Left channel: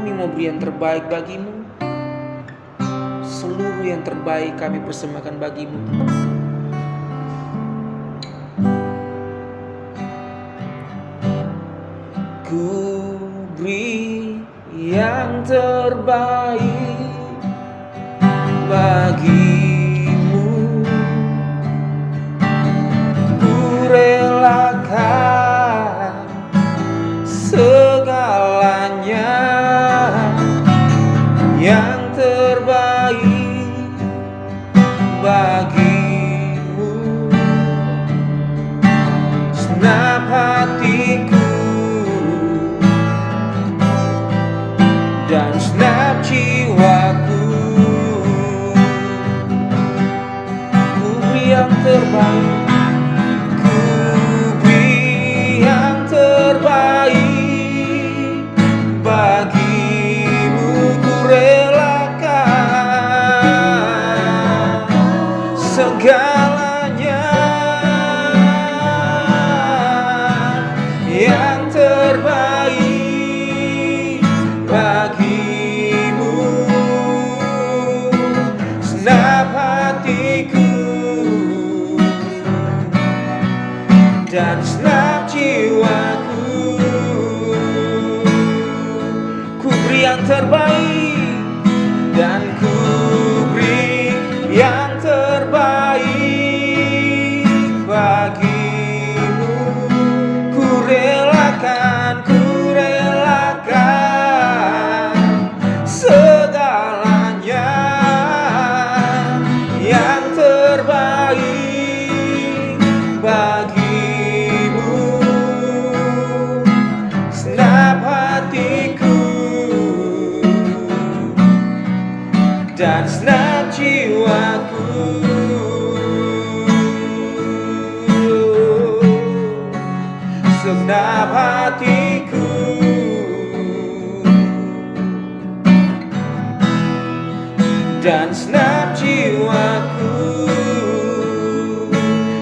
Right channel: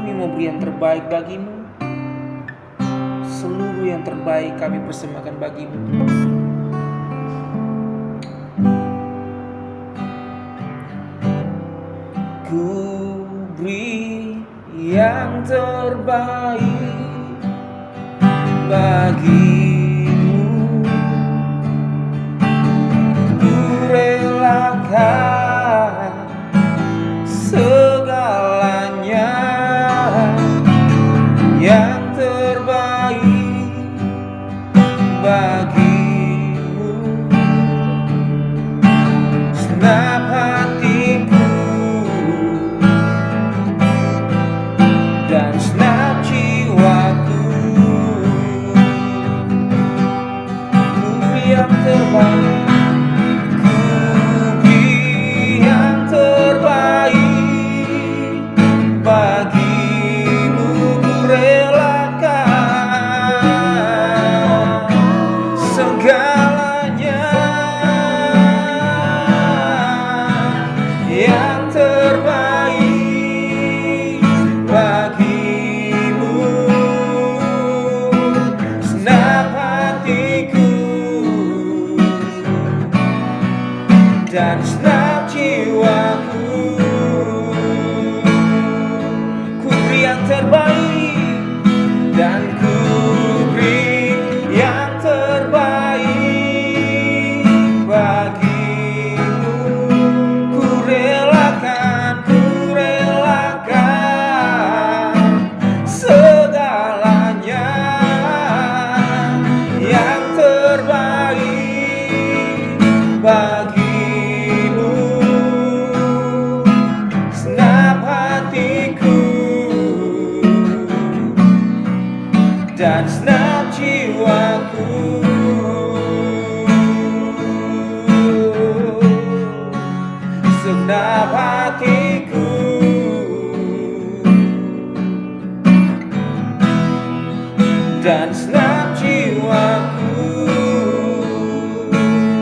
kami mau beri yang terbaik bagimu. Seluruh yang terbaik kami persembahkan bagimu, Tuhan. Ku beri yang terbaik bagimu. Ku relakan segalanya yang terbaik bagimu. Senap hatiku dan senap jiwaku, ku beri yang terbaik. Ku beri yang terbaik bagimu. Ku relakan segalanya yang terbaik bagimu. Senap hatiku dan senap jiwaku, ku beri yang terbaik dan ku beri yang terbaik bagimu. Ku relakan segalanya yang terbaik bagimu. Senap hatiku dan senap jiwaku, senap hatiku dan senap jiwaku,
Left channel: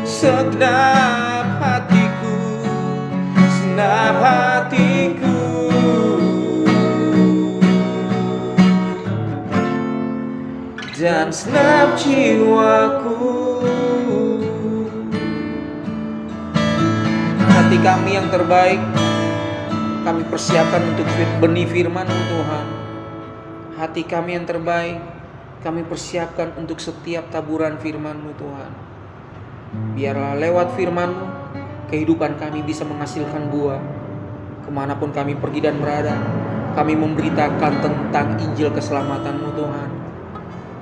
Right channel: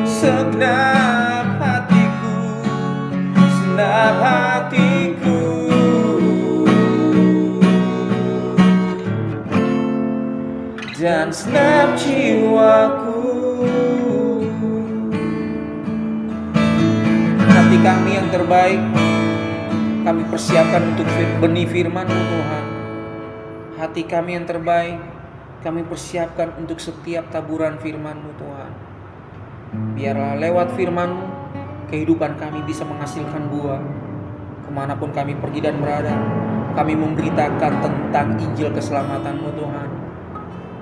segenap hatiku, senap hatiku dan senap jiwaku. Hati kami yang terbaik kami persiapkan untuk benih firman-Mu, Tuhan. Hati kami yang terbaik kami persiapkan untuk setiap taburan firman-Mu, Tuhan. Biarlah lewat firman-Mu kehidupan kami bisa menghasilkan buah. Kemanapun kami pergi dan berada, kami memberitakan tentang Injil keselamatan-Mu, Tuhan,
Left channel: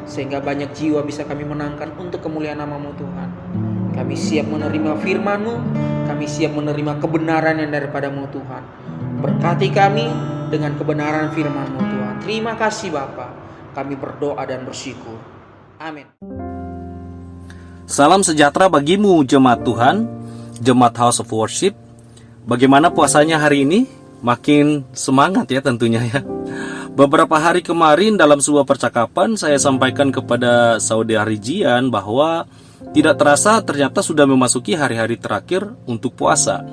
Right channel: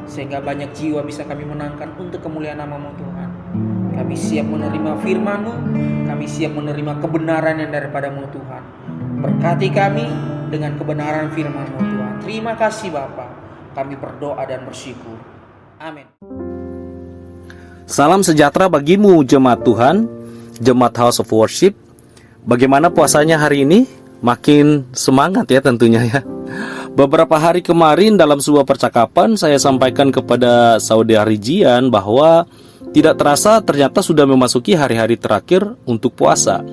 sehingga banyak jiwa bisa kami menangkan untuk kemuliaan nama-Mu, Tuhan. Kami siap menerima firman-Mu, kami siap menerima kebenaran yang daripada-Mu, Tuhan. Berkati kami dengan kebenaran firman-Mu, Tuhan. Terima kasih Bapa. Kami berdoa dan bersyukur. Amin. Salam sejahtera bagimu jemaat Tuhan, jemaat House of Worship. Bagaimana puasanya hari ini? Makin semangat ya tentunya ya. Beberapa hari kemarin dalam sebuah percakapan saya sampaikan kepada Saudari Jian bahwa tidak terasa ternyata sudah memasuki hari-hari terakhir untuk puasa.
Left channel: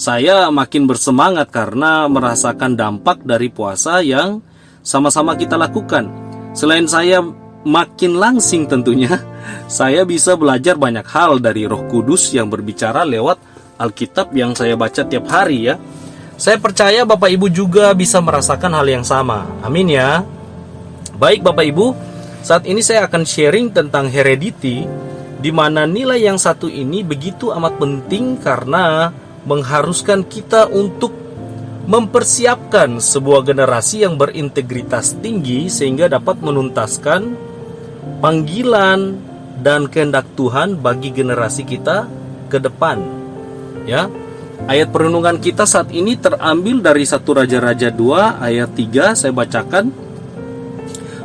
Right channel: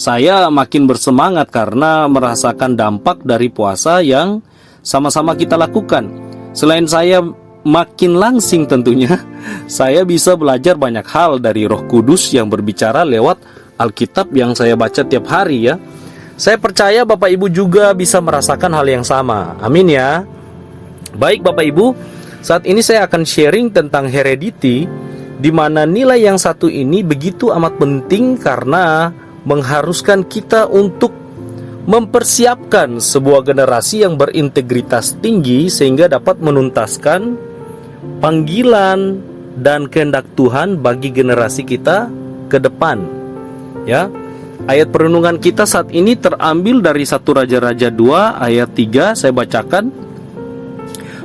Saya makin bersemangat karena merasakan dampak dari puasa yang sama-sama kita lakukan. Selain saya makin langsing tentunya, saya bisa belajar banyak hal dari Roh Kudus yang berbicara lewat Alkitab yang saya baca tiap hari ya. Saya percaya Bapak Ibu juga bisa merasakan hal yang sama. Amin ya. Baik Bapak Ibu, saat ini saya akan sharing tentang heredity, di mana nilai yang satu ini begitu amat penting karena mengharuskan kita untuk mempersiapkan sebuah generasi yang berintegritas tinggi sehingga dapat menuntaskan panggilan dan kehendak Tuhan bagi generasi kita ke depan. Ya. Ayat perenungan kita saat ini terambil dari 1 Raja-Raja 2 ayat 3, saya bacakan.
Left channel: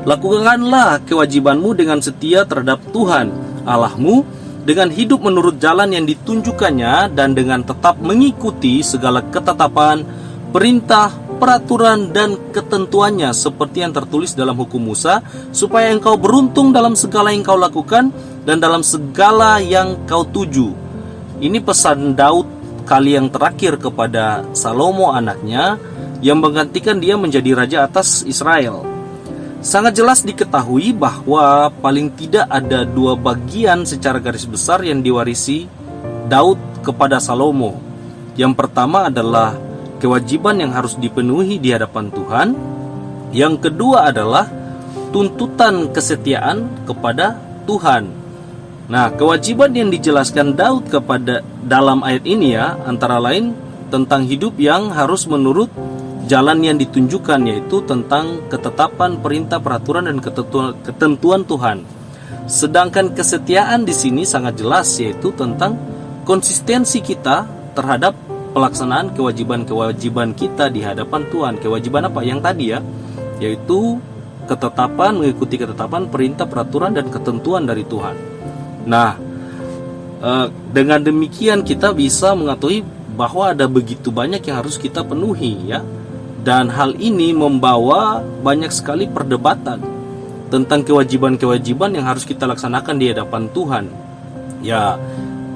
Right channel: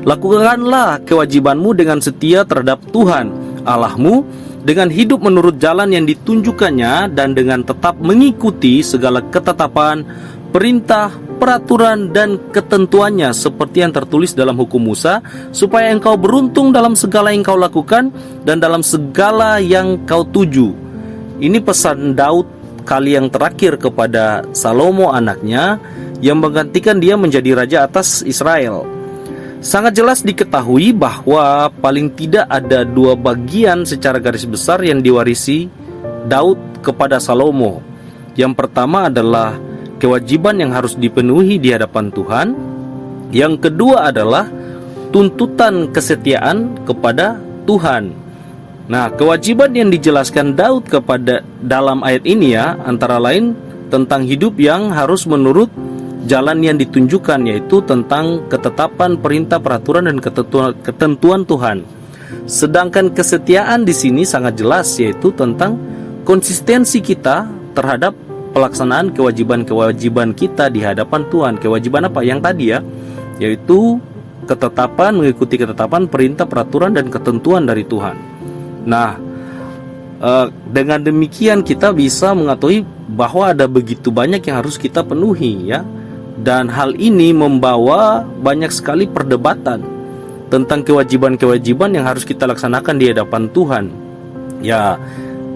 Lakukanlah kewajibanmu dengan setia terhadap Tuhan Allahmu, dengan hidup menurut jalan yang ditunjukkannya dan dengan tetap mengikuti segala ketetapan, perintah, peraturan dan ketentuannya seperti yang tertulis dalam hukum Musa, supaya engkau beruntung dalam segala yang kau lakukan dan dalam segala yang kau tuju. Ini pesan Daud kali yang terakhir kepada Salomo anaknya yang menggantikan dia menjadi raja atas Israel. Sangat jelas diketahui bahwa paling tidak ada dua bagian secara garis besar yang diwarisi Daud kepada Salomo. Yang pertama adalah kewajiban yang harus dipenuhi di hadapan Tuhan. Yang kedua adalah tuntutan kesetiaan kepada Tuhan. Nah, kewajiban yang dijelaskan Daud kepada dalam ayat ini ya, antara lain tentang hidup yang harus menurut jalan yang ditunjukkan, yaitu tentang ketetapan, perintah, peraturan, dan ketentuan Tuhan. Sedangkan kesetiaan di sini sangat jelas, yaitu tentang konsistensi kita terhadap pelaksanaan kewajiban-kewajiban kita di hadapan Tuhan. Kewajiban apa? Yang tadi ya, yaitu ketetapan, mengikuti ketetapan, perintah, peraturan, dan ketentuan dari Tuhan. Nah, dengan demikian kita bisa mengetahui bahwa ada begitu banyak yang harus kita penuhi ya. Dan hal ini membawa banyak sekali perdebatan tentang kewajiban-kewajiban yang harus kita laksanakan di hadapan Tuhan. Ya,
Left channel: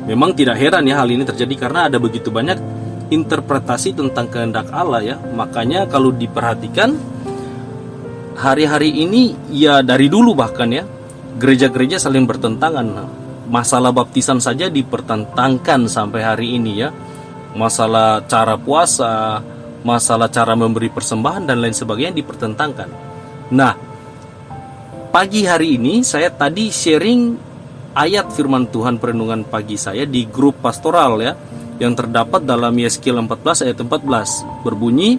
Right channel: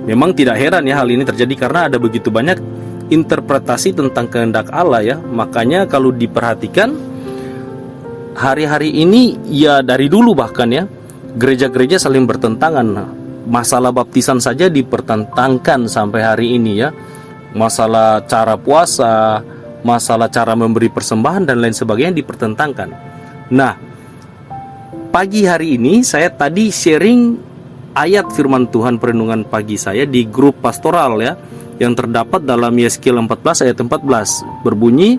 memang tidak heran ya hal ini terjadi karena ada begitu banyak interpretasi tentang kehendak Allah ya. Makanya kalau diperhatikan hari-hari ini ya, dari dulu bahkan ya, gereja-gereja saling bertentangan. Masalah baptisan saja dipertentangkan sampai hari ini ya. Masalah cara puasa, masalah cara memberi persembahan dan lain sebagainya dipertentangkan. Nah, pagi hari ini saya tadi sharing ayat firman Tuhan perenungan pagi saya di grup pastoral ya, yang terdapat dalam Yeskiel 14 ayat 14, berbunyi,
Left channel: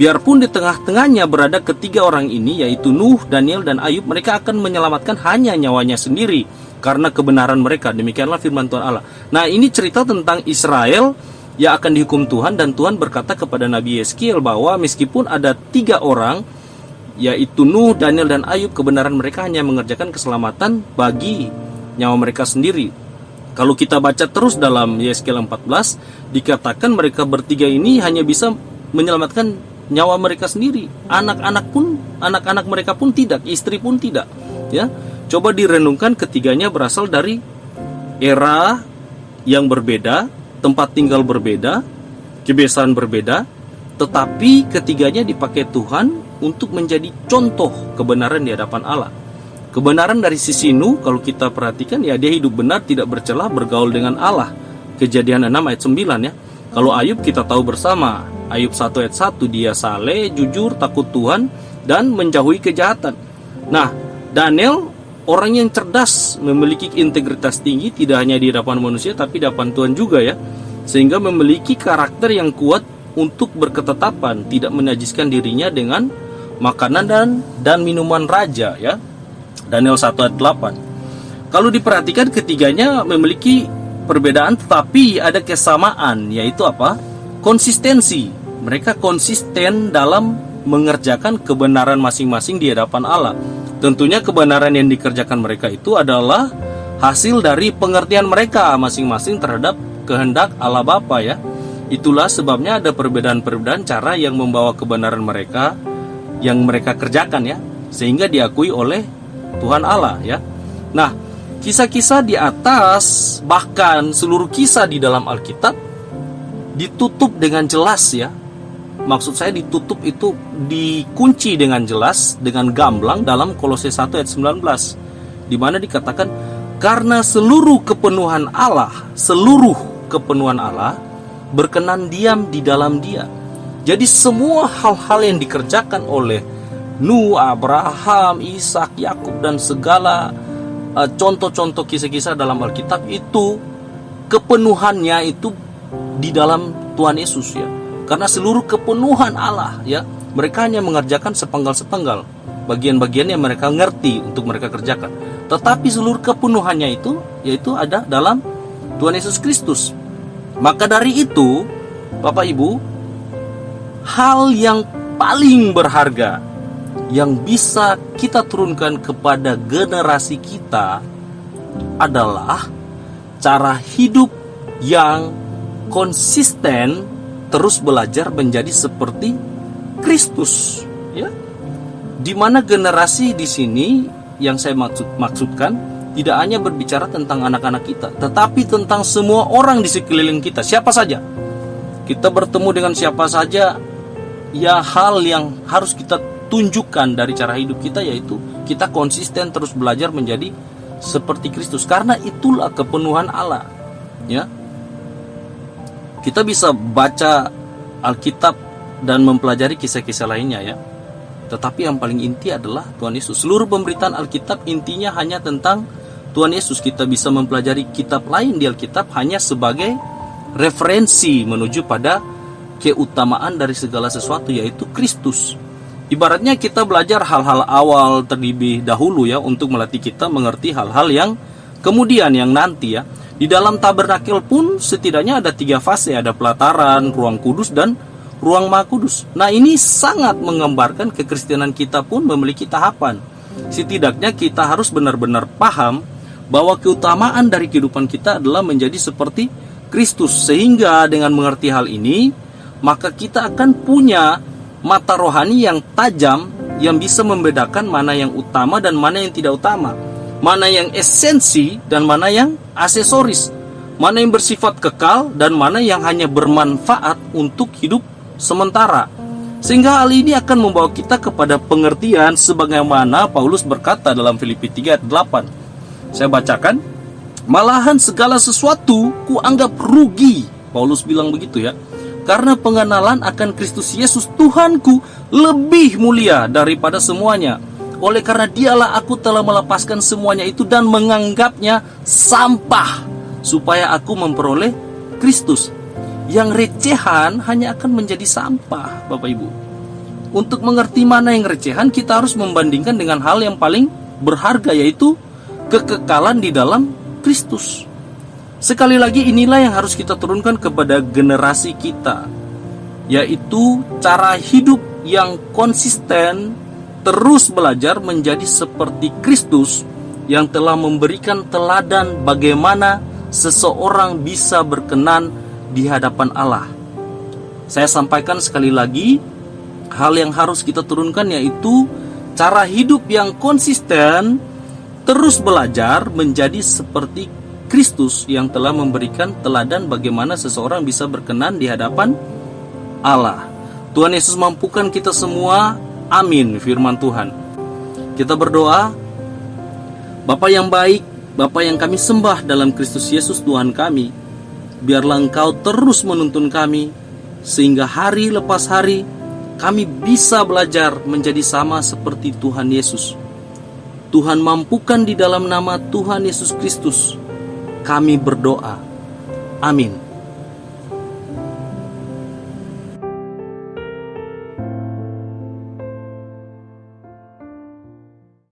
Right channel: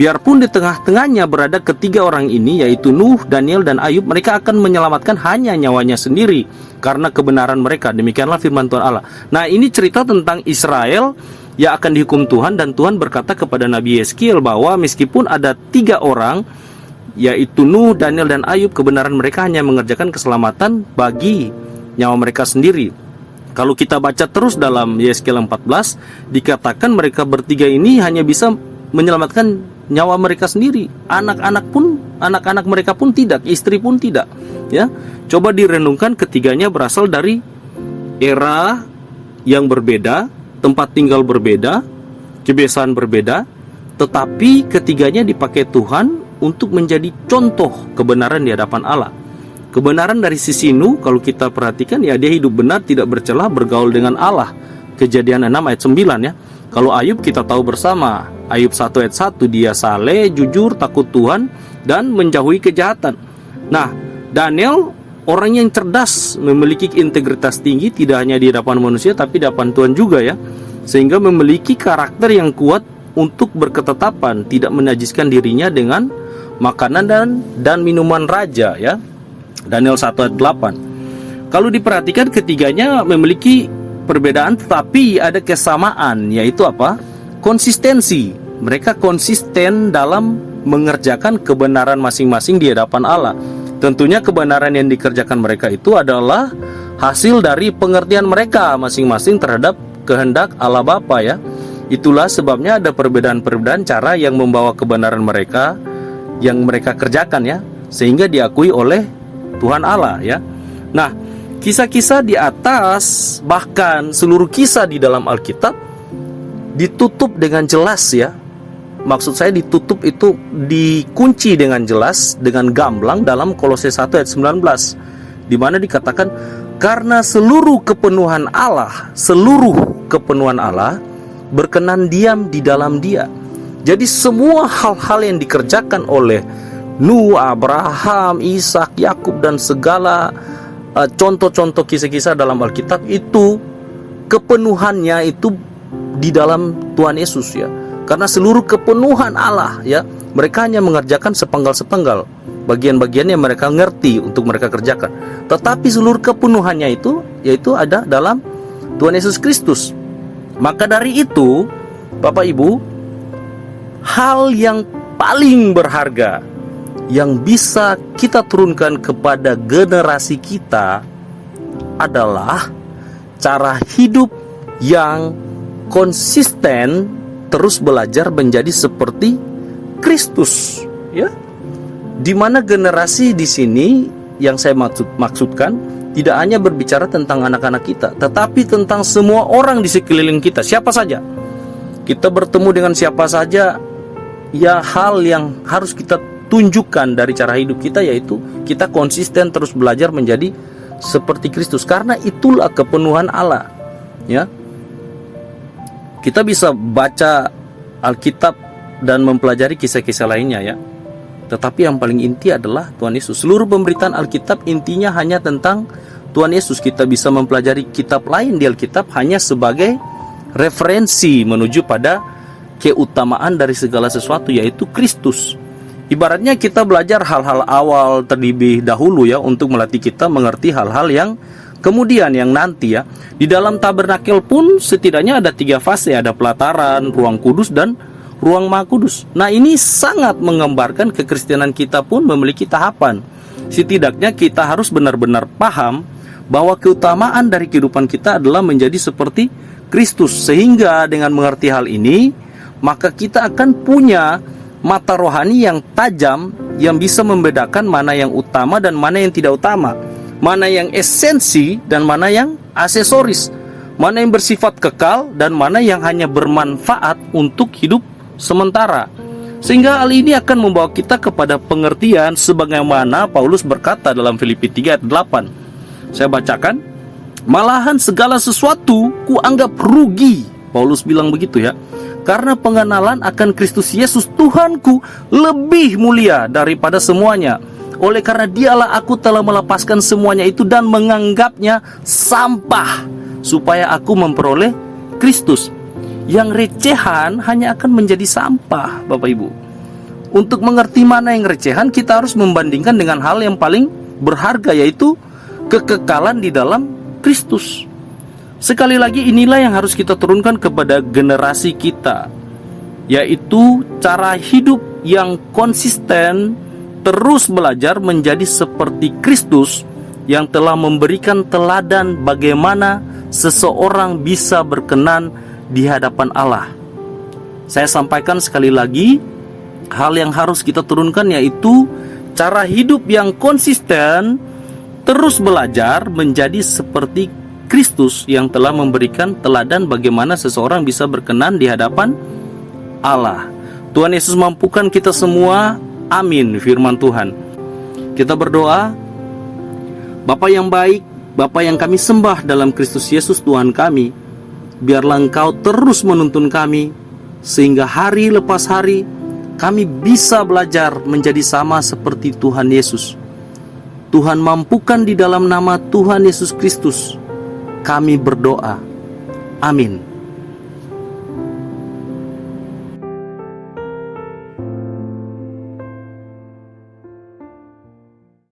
biarpun di tengah-tengahnya berada ketiga orang ini, yaitu Nuh, Daniel, dan Ayub, mereka akan menyelamatkan hanya nyawanya sendiri karena kebenaran mereka. Demikianlah firman Tuhan Allah. Nah, ini cerita tentang Israel yang akan dihukum Tuhan, dan Tuhan berkata kepada Nabi Yeskiel bahwa meskipun ada tiga orang, yaitu Nuh, Daniel, dan Ayub, kebenaran mereka hanya mengerjakan keselamatan bagi nyawa mereka sendiri. Kalau kita baca terus dalam Yeskiel 14, dikatakan mereka bertiga ini hanya bisa menyelamatkan nyawa mereka sendiri. Anak-anak mereka pun tidak, istri pun tidak. Ya, coba direnungkan, ketiganya berasal dari era yang berbeda, tempat tinggal berbeda, kebiasaan berbeda, tetapi ketiganya dipakai Tuhan untuk menjadi contoh kebenaran di hadapan Allah. Kebenaran dari sisi Nuh, kalau kita perhatikan ya, dia hidup benar, tidak bercela, bergaul dengan Allah. Kejadian 6 ayat 9 ya. Kalau Ayub kita tahu bersama, Ayub 1 ayat 1, dia saleh, jujur, takut Tuhan, dan menjauhi kejahatan. Nah, Daniel orang yang cerdas, memiliki integritas tinggi, tidak hanya di hadapan manusia tapi di hadapan Tuhan juga ya, sehingga memiliki karakter yang kuat untuk berketetapan, tidak menajiskan dirinya dengan makanan dan minuman raja ya. Daniel 1 ayat 8. Kalau diperhatikan ketiganya memiliki perbedaan tetapi ada kesamaan, yaitu apa? Konsistensi. Mereka konsisten dalam mengerjakan kebenaran masing-masing di hadapan Allah. Tentunya kebenaran yang dikerjakan mereka itu adalah hasil dari pengertian mereka masing-masing terhadap kehendak Allah Bapa ya. Itulah sebabnya ada perbedaan-perbedaan cara yang membawa kebenaran mereka yang mereka kerjakan ya, sehingga diakui oleh Tuhan Allah ya. Nah, kisah-kisah di atas, bahkan seluruh kisah di dalam Alkitab ditutup dengan jelas ya. Maksud saya ditutup itu dikunci dengan jelas, dengan gamblang dalam Kolose 1 ayat 19, di mana dikatakan karena seluruh kepenuhan Allah berkenan diam di dalam Dia. Jadi semua hal-hal yang dikerjakan oleh Nuh, Abraham, Ishak, Yakub, dan segala contoh-contoh kisah-kisah dalam Alkitab itu kepenuhannya itu di dalam Tuhan Yesus ya. Karena seluruh kepenuhan Allah ya, mereka hanya mengerjakan sepenggal-sepenggal bagian-bagian yang mereka ngerti untuk mereka kerjakan. Tetapi seluruh kepenuhannya itu yaitu ada dalam Tuhan Yesus Kristus. Maka dari itu, Bapak Ibu, hal yang paling berharga yang bisa kita turunkan kepada generasi kita adalah cara hidup yang konsisten, terus belajar menjadi seperti Kristus ya. Di mana generasi di sini yang saya maksudkan tidak hanya berbicara tentang anak-anak kita, tetapi tentang semua orang di sekeliling kita, siapa saja. Kita bertemu dengan siapa saja ya hal yang harus kita tunjukkan dari cara hidup kita, yaitu kita konsisten terus belajar menjadi seperti Kristus, karena itulah kepenuhan Allah. Ya, kita bisa baca Alkitab dan mempelajari kisah-kisah lainnya ya, tetapi yang paling inti adalah Tuhan Yesus. Seluruh pemberitaan Alkitab intinya hanya tentang Tuhan Yesus. Kita bisa mempelajari kitab lain di Alkitab hanya sebagai referensi menuju pada keutamaan dari segala sesuatu, yaitu Kristus. Ibaratnya kita belajar hal-hal awal terlebih dahulu ya, untuk melatih kita mengerti hal-hal yang kemudian, yang nanti ya. Di dalam tabernakel pun setidaknya ada 3 fase, ada pelataran, ruang kudus, dan ruang maha kudus. Nah, ini sangat menggambarkan kekristenan kita pun memiliki tahapan. Setidaknya kita harus benar-benar paham bahwa keutamaan dari kehidupan kita adalah menjadi seperti Kristus. Sehingga dengan mengerti hal ini, maka kita akan punya mata rohani yang tajam, yang bisa membedakan mana yang utama dan mana yang tidak utama, mana yang esensi dan mana yang aksesoris, mana yang bersifat kekal dan mana yang hanya bermanfaat untuk hidup sementara. Sehingga hal ini akan membawa kita kepada pengertian sebagaimana Paulus berkata dalam Filipi 3 ayat 8. Saya bacakan, malahan segala sesuatu kuanggap rugi, Paulus bilang begitu ya, karena pengenalan akan Kristus Yesus Tuhanku lebih mulia daripada semuanya. Oleh karena dialah aku telah melepaskan semuanya itu dan menganggapnya sampah, supaya aku memperoleh Kristus. Yang recehan hanya akan menjadi sampah, Bapak Ibu. Untuk mengerti mana yang recehan, kita harus membandingkan dengan hal yang paling berharga, yaitu kekekalan di dalam Kristus. Sekali lagi, inilah yang harus kita turunkan kepada generasi kita, yaitu cara hidup yang konsisten, terus belajar menjadi seperti Kristus yang telah memberikan teladan bagaimana seseorang bisa berkenan di hadapan Allah. Saya sampaikan sekali lagi, hal yang harus kita turunkan yaitu cara hidup yang konsisten, terus belajar menjadi seperti Kristus yang telah memberikan teladan bagaimana seseorang bisa berkenan di hadapan Allah. Tuhan Yesus mampukan kita semua. Amin, firman Tuhan. Kita berdoa. Bapa yang baik, Bapa yang kami sembah dalam Kristus Yesus Tuhan kami, biarlah Engkau terus menuntun kami, sehingga hari lepas hari kami bisa belajar menjadi sama seperti Tuhan Yesus. Tuhan mampukan di dalam nama Tuhan Yesus Kristus kami berdoa. Amin.